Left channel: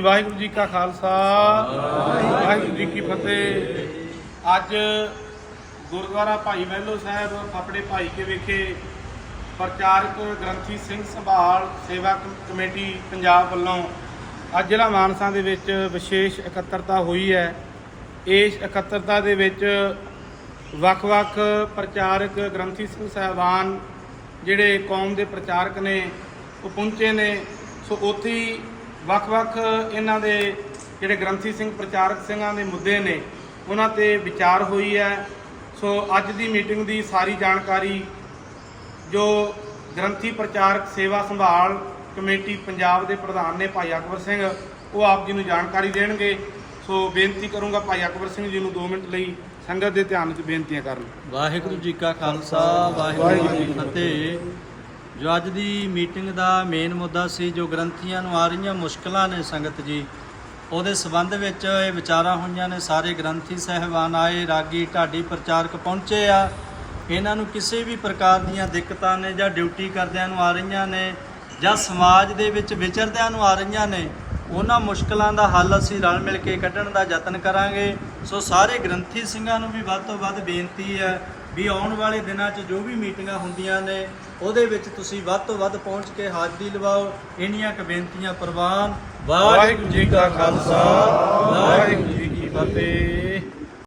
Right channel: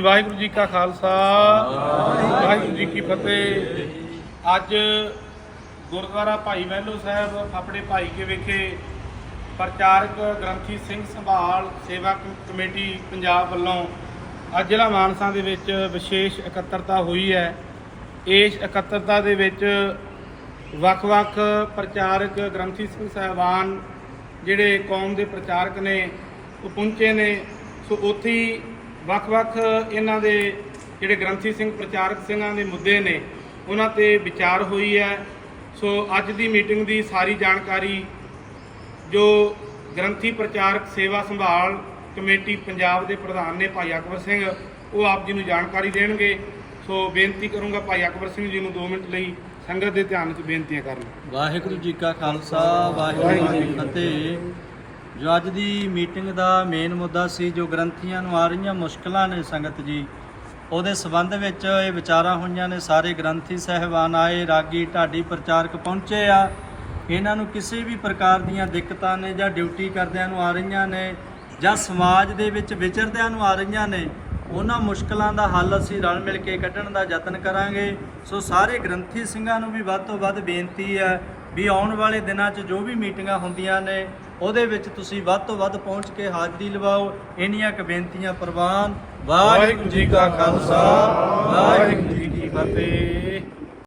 ਵਾਹਿਗੁਰੂ ਜੀ ਕਾ ਖਾਲਸਾ, ਵਾਹਿਗੁਰੂ ਜੀ ਕੀ ਫਤਿਹ। ਅੱਜ ਗੁਰਦੁਆਰਾ ਭਾਈ ਮਹਿਲੋ ਸਾਹਿਬ ਆਪਣੇ ਭਾਈ ਕੇ ਵਿਖੇ ਪ੍ਰਚਾਰਕ ਗ੍ਰੰਥੀ ਸਿੰਘ ਸੰਭਾਲ ਸੇਵਾ ਕਮੇਟੀ ਪੰਜਾਬ ਵੱਲੋਂ ਅੱਜ ਜ਼ਿਲ੍ਹਾ ਮਾਨਸਾ ਦੇ ਵਿੱਚ ਵਿਸ਼ੇਸ਼ ਇਕੱਤਰਤਾ ਹੋਈ ਹੈ। ਇਸ ਇਕੱਤਰਤਾ ਦੇ ਵਿੱਚ ਵੱਖ-ਵੱਖ ਪ੍ਰਚਾਰਕ ਗ੍ਰੰਥੀ ਸਿੰਘ ਸਾਹਿਬਾਨ, ਜਿਹੜੇ ਕੌਮ ਦੇ ਪ੍ਰਚਾਰਕ ਨੇ, ਉਹ ਪਹੁੰਚੇ ਨੇ। ਸੋ ਉੱਥੇ ਵੱਖ-ਵੱਖ ਇਹਨਾਂ ਦੇ ਜਿਹੜੇ ਗ੍ਰੰਥੀ ਸਿੰਘ, ਪ੍ਰਚਾਰਕ ਸਿੰਘਾਂ ਦੇ ਮੁੱਦੇ ਨੇ, ਉਹਨਾਂ ਤੇ ਵਿਚਾਰ ਹੋਈ ਹੈ। ਸੋ ਅੱਜ ਦੀ ਮੀਟਿੰਗ ਦੀ ਸਾਰੀ ਜਾਣਕਾਰੀ ਜੋ ਗ੍ਰੰਥੀ ਪ੍ਰਚਾਰਕ ਸੇਵਾ ਸੰਭਾਲ ਕਮੇਟੀ ਪੰਜਾਬ ਦੇ ਪ੍ਰਧਾਨ ਨੇ ਭਾਈ ਅਕਬਰ ਸਿੰਘ, ਉਹ ਆਪ ਜੀ ਨੂੰ ਜਾਣਕਾਰੀ ਦੇਣਗੇ। ਸੋ ਬੇਨਤੀ ਕਰੂੰਗਾ ਭਾਈ ਅਕਬਰ ਸਿੰਘ ਜੀ ਨੂੰ 2 ਮਿੰਟ ਲਈ ਸੰਗਤ ਦੇ ਧਿਆਨ ਵਿੱਚ ਬੇਨਤੀਆਂ ਕਰਨ। ਵਾਹਿਗੁਰੂ ਜੀ ਕਾ ਖਾਲਸਾ, ਵਾਹਿਗੁਰੂ ਜੀ ਕੀ ਫਤਿਹ। ਜੋ ਅੱਜ ਦੀ ਮੀਟਿੰਗ ਦਾ ਮੇਨ ਮੁੱਦਾ ਸੀ, ਜੋ ਗ੍ਰੰਥੀਆਂ ਨੂੰ ਆ ਰਹੀਆਂ ਮੁਸ਼ਕਲਾਂ ਨੇ ਸੰਗਤ ਜੀ, ਉਹਦੇ ਸਬੰਧ ਵਿੱਚ ਇਹ ਵਿਚਾਰਾਂ ਹੋਈਆਂ ਨੇ, ਸਾਰੇ ਗ੍ਰੰਥੀ ਸਹਿਬਾਨ ਆਏ, ਰਾਗੀ ਢਾਡੀ ਪ੍ਰਚਾਰਕ ਪਹੁੰਚੇ ਆ। ਇਹਨਾਂ ਨੂੰ ਕਿਸੇ ਵੀ ਪ੍ਰਕਾਰ ਦੀਆਂ ਦਿੱਕਤਾਂ ਨੇ ਜਾਂ ਡਿਊਟੀ ਕਰਦਿਆਂ ਨੂੰ ਆ ਰਹੀਆਂ ਨੇ ਜਾਂ ਸਮਾਜ ਦੇ ਵਿੱਚ ਵਿਚਰਦਿਆਂ ਨੂੰ ਆ ਰਹੀਆਂ ਨੇ ਉਹਨਾਂ ਮੁਸ਼ਕਲਾਂ ਦਾ ਹੱਲ ਅਸੀਂ ਰਲ ਮਿਲ ਕੇ ਕੱਢਣ ਦਾ ਯਤਨ ਕਰਾਂਗੇ। ਸੋ ਸਾਰੇ ਗ੍ਰੰਥੀ ਸਿੰਘਾਂ ਨੂੰ ਵੀ ਵੱਧ ਤੋਂ ਵੱਧ ਬੇਨਤੀ ਹੈ ਵੀ ਆਉਣ ਵਾਲੇ ਦਿਨਾਂ 'ਚ ਜੋ ਵੀ ਮੀਟਿੰਗਾਂ ਹੁੰਦੀਆਂ ਨੇ, ਉਹਦੇ ਵਿੱਚ ਤੁਸੀਂ ਵੱਧ ਤੋਂ ਵੱਧ ਪਹੁੰਚ ਕੇ ਹਾਜ਼ਰੀ ਲਵਾਓ। ਇੰਨੀਆਂ ਕੁ ਬੇਨਤੀਆਂ ਪ੍ਰਵਾਨ। ਵਾਹਿਗੁਰੂ ਜੀ ਕਾ ਖਾਲਸਾ, ਵਾਹਿਗੁਰੂ ਜੀ ਕੀ ਫਤਿਹ।